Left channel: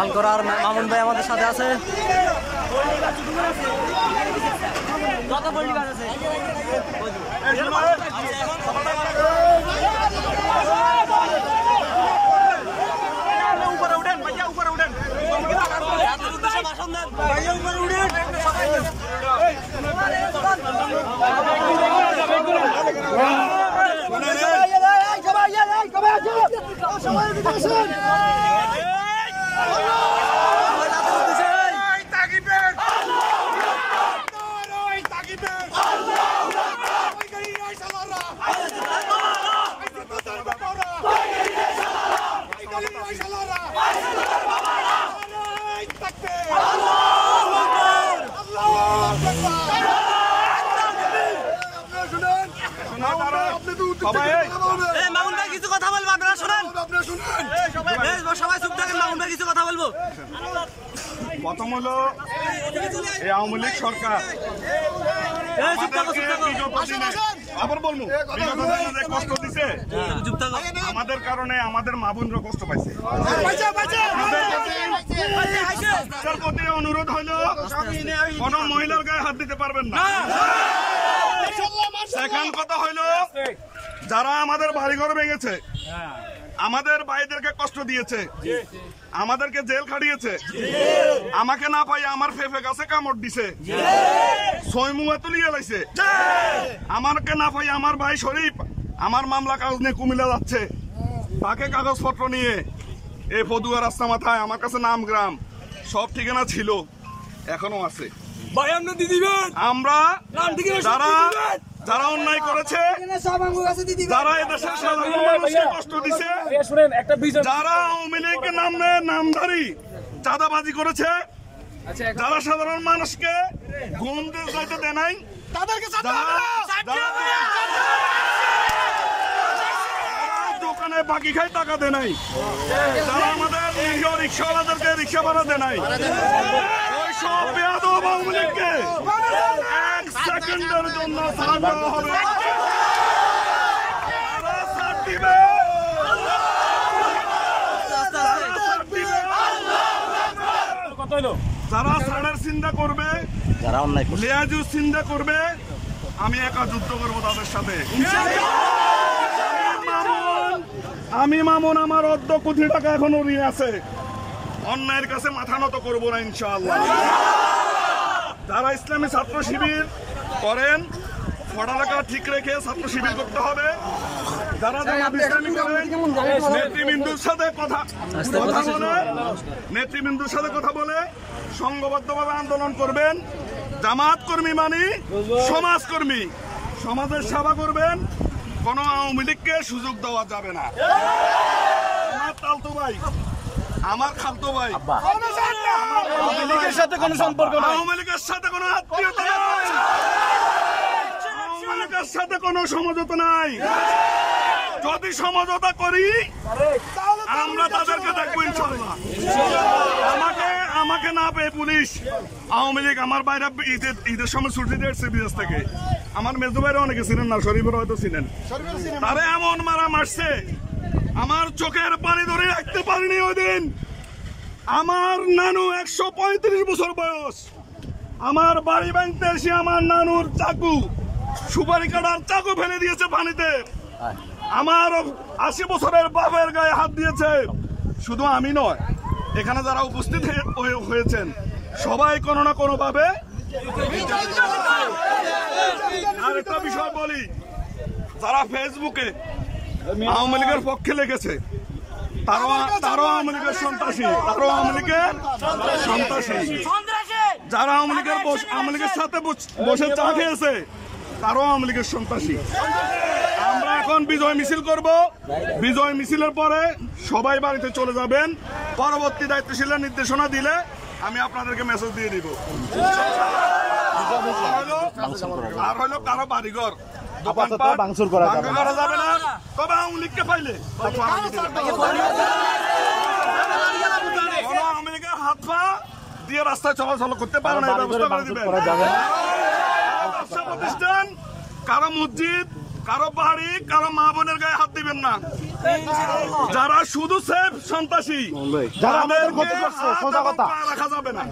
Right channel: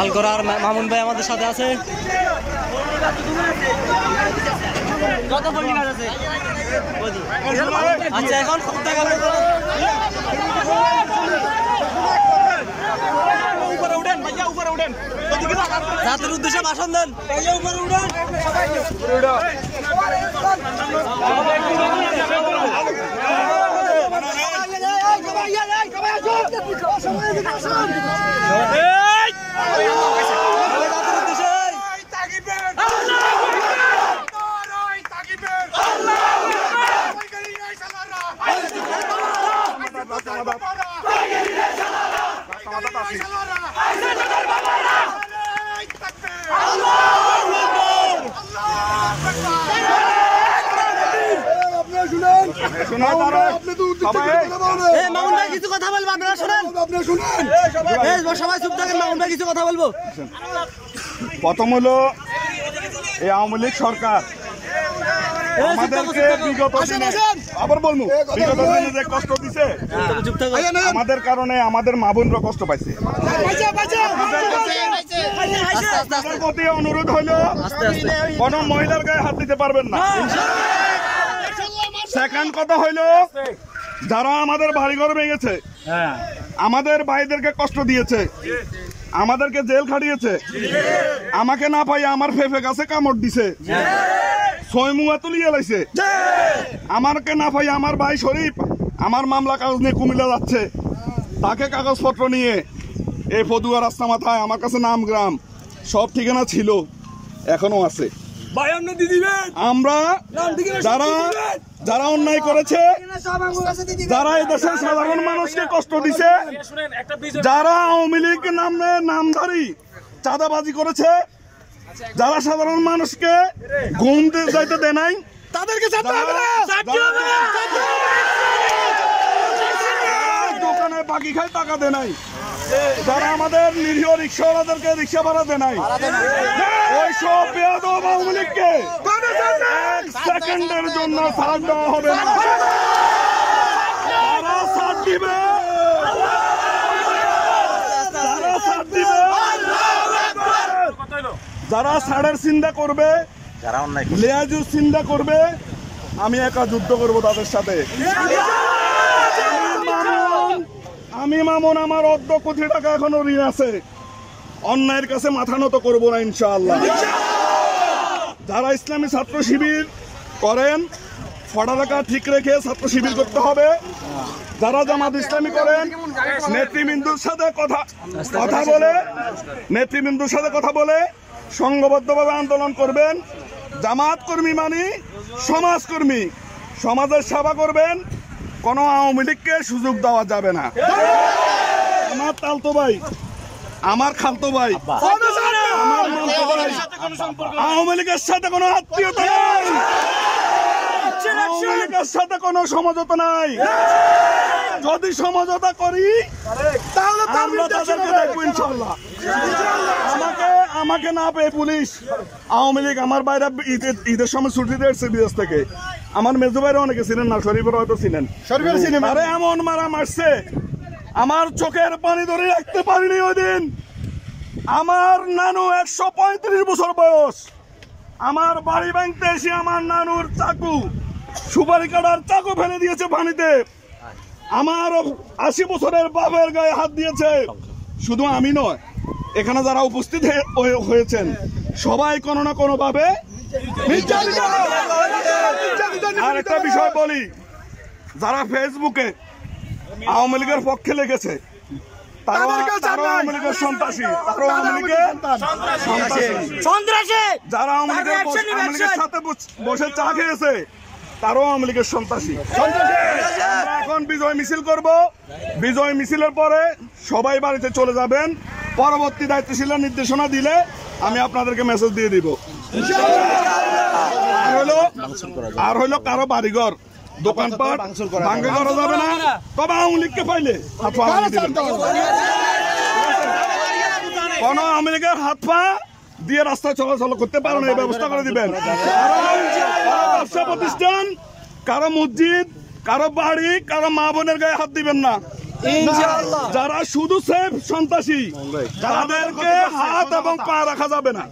আলকরার মামুন ভাই আমাদের সাথে আছে। কত পল্লী গাছ আছে? আচ্ছা এখন উপরে উঠেন ভাইয়া, উপরে উঠেন, রাতের উদ্দেশ্যে ভাষণ দেন ভাইয়া, উপরে উঠেন। মামুন ভাই কিছু কথা বলবো, আপনারা শোনেন, সবাই চুপ থাকেন, মামুন ভাই কিছু কথা বলবো। প্রথম হলো এই আওয়ামী লীগ সরকার আবার বলবো বিগত দিনে যে কষ্ট দিছে, আমাদের কারণে আমাদের মা বোনরা কষ্ট পাইছে। আপনাদের প্রতি অনুরোধ হইলো কোন মহিলার গায়ে হাত দিতে পারবেন না। সেকেন্ড কথা হইলো যারা আমাদের বাড়িঘর ভেঙেছে, আমাদের ভাইদেরকে কষ্ট দিয়েছে, আমাদেরকে জেল খাটিয়েছে, আমাকে না পাই আমার ফেফে গাছে কামড় দিছে, ছয়মুয়া তুলিয়ে লাইছে, আমাকে না পাই আমার ভাই শরীফ আমার মামলা কাগজ নিয়ে কুমিল্লা যাচ্ছে, তাকে কাগজপত্র নিয়ে এই ফদুয়া রাস্তা মাথায় আমার কাছে নাম গ্রাম সব ঠিকানা ছিল, এখনো আছে। আমরা যারা অন্যায় করেছে, যারা এদেশের সাধারণ মানুষকে কষ্ট দিছে, যারা আওয়ামী লীগ নামধারী চাঁদাবাজি করেছে, যারা সাধারণ মানুষকে ঘুম যাইতে দেয় নাই, তাদেরকে দোকানে বাকি খাই টাকা দেয় নাই, যারা আমাদের নিরীহ রিক্সাওয়ালাদেরকে রিক্সা ভাড়া দেয় নাই, ওই সব বেয়াদব আওয়ামী লীগকে এক সেকেন্ডের জন্য ছাড় দেওয়া হবে না। ছাড় দিবে, যারা ছাড়ের চিন্তা করবে, যারা লেয়াজুর চিন্তা করবে, আমি একা যুদ্ধ করবো তাদের সাথে। আমি মামুন আমার ১০ কোটি টাকা এখনো ঋণ আছে, অন্যায়ের কাছে মাথা নত করবো না ইনশাআল্লাহ। যারা ইসলামী ছাত্র শিবির করেন, পড়ালেখা ঠিক রেখে ছাত্র শিবির করতে হবে। যারা জামাত ইসলামী করেন, নেতৃবৃন্দুর সাথে কথা বলে সংঘবদ্ধভাবে আন্দোলন করবেন। জামাত কর্মী মানে সমাজকর্মী, সমাজের সেবা করবেন, কোন আওয়ামী লীগকে সুযোগ দেওয়া যাবে না। আমার তালতো ভাই, আমার খালতো ভাই, আওয়ামী লীগের সাথে কোনো আত্মীয়তা নাই, আওয়ামী লীগের সাথে কোনো সমঝোতা নাই। যদি সমঝোতা করি তাহলে আমরা তাদেরকে দেখবো ইনশাআল্লাহ। আমাকে না পেয়ে পুলিশ, আওয়ামী লীগ আমার বাইরে ঈদের সময় ছুটিতে এসেছে বিদেশ থেকে, আমার মেজো ভাইরা অনেকে ছিলেন না, শরীফের হয়তো ছিলেন, আরে এমন মারা মারছে আমার চোখের পানি ধরে রাখতে পারিনি ওই দিন। আমার নানু ১৩৫ বছর বয়স, আমার বাড়ি ভাঙতে এসে আমার নানুর চাকু, সুপারি কাটার চাকু ফেলে দিয়েছে পানিতে। আমার ৮০ বছরের বাপের গায়ে হাত দিয়েছে। শুধু আমি নয়, এখানে যারা উপস্থিত হয়েছেন সবাই কোনো না কোনো ভাবে। আর একটা বিষয় বলি, যারা ফেসবুকে আওয়ামী লীগের পক্ষে লেগেছে তারাও আওয়ামী লীগের সন্ত্রাসী, তারাও আওয়ামী লীগের সন্ত্রাসী। যারা আওয়ামী লীগের সাথে বসে চা খেয়েছে তারাও আওয়ামী লীগের সন্ত্রাসী। আমরা এখন বিজয় মিছিল করব, বিজয় মিছিলের পরে সবাই বাড়িতে চলে যাবেন। পরবর্তী দায়িত্বশীলের নির্দেশনা দিলে আমি আপনাদেরকে মেসেজ দিয়ে দিব। আর হইলো কারো বাড়িঘর দোকানপাট ভাঙচুর করা যাবে না, তবে আওয়ামী লীগকে পাইলে কোন আওয়ামী লীগের হাত পা দিয়ে রাস্তায় চলাচল করতে পারে না, ব্যবস্থা করে দিবেন। ব্যবসা প্রতিষ্ঠান, কারো মসজিদ, কারো বাড়ি কারো মা বোনের গায়ে হাত দিবেন না। যারা শুধু সেফ সন্ত্রাসী তাদেরকে হাত এবং পা রাখা যাবে না।